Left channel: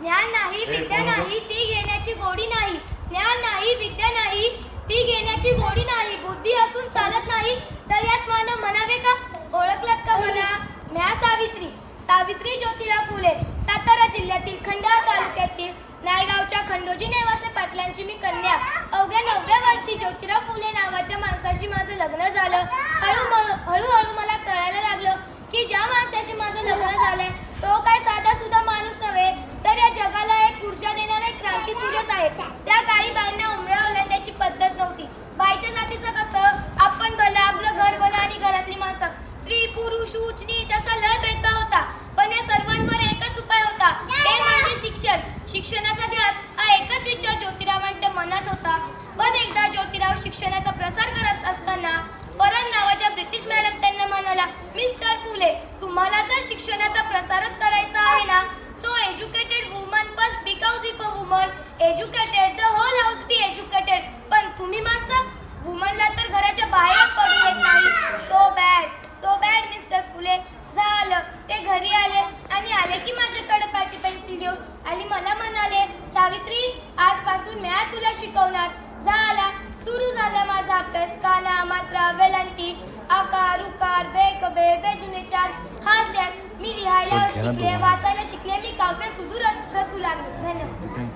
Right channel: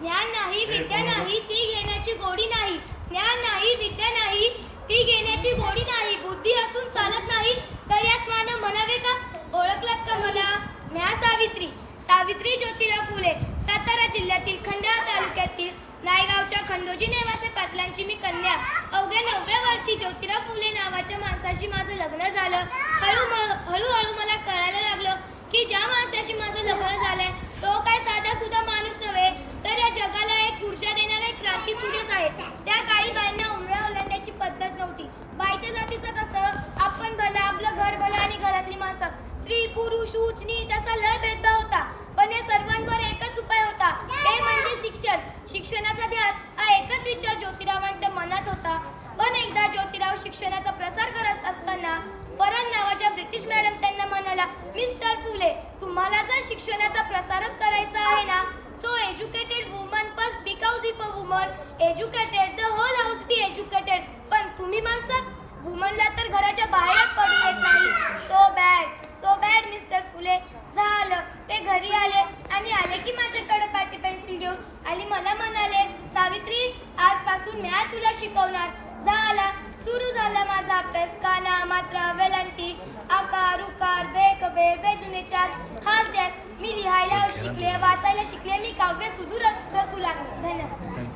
ज्ञान नाही विद्या नाही ती घेण्याची गोडी नाही. ज्ञान नाही विद्या नाही ती घेण्याची गोडी नाही. बुद्धी असून चालत नाही तर यास मानव म्हणावे का? ओळखलात का मला? म्या सावित्री सावित्री ज्योतिराव फुले, सातारा जिल्ह्यातील खंडाळा तालुक्यातील नायगावच्या खंडोजी नेवासे पाटलांची मी कन्या. अवघ्या 9व्या वर्षी ज्योतिराव फुले नावाच्या माणसाशी माझं लग्न झालं. हळूहळू मला कळायला लागलं की ज्या माणसाशी माझं लग्न झालंय तो काय साधा सुद्धा माणूस नव्हे, तर या जगाला एक ऊर्जा देणारा क्रांती सूर्यच आहे. त्या काळी बाईंना उमरा ओलांडण्याची पद्धत नव्हती. बाईच्या जातीचं कसं, आपण भलं, आपलं घर भलं आणि घरातली माणसं, स्त्री पुरुष उच्च नीच असा लय भेदभाव होता. पण या सर्वांवर एकच उपाय होता, ते म्हणजे शिक्षण. शिक्षणाचा ध्यास हा एकच विचार ज्योतिरावांच्या मनात होता. पण एकदा ज्योतिराव शिक्षणाचा प्रसार करत असताना परन नावाच्या ब्रिटिश मॅडम त्यांना म्हणाला, मिस्टर फुले, तुम्हाला जर शिक्षणाचा प्रसारच करायचा आहे ना, so educated woman first, because if a woman educated the whole house be educated. पण तुम्ही माणसं, वुमनला तर घराच्या बाहेरच पडू देत नाही. सो बॅड मिस्टर फुले. झालं ते घरी आले की माझ्याकडे पाटी पेन्सिल घेऊन आणि मला म्हणाले, सावित्री, आजपासून मी तुला शिकवणार. सुरू झाला माझा अभ्यास. काना, मात्रा, वेलांटी, आकार, उकार, बे कबे, बेदुने चार, हाच ध्यास. मी लिहायला शिकले, वाचायला शिकले, मी काव्य सुधू रचू लागले. धन्यवाद.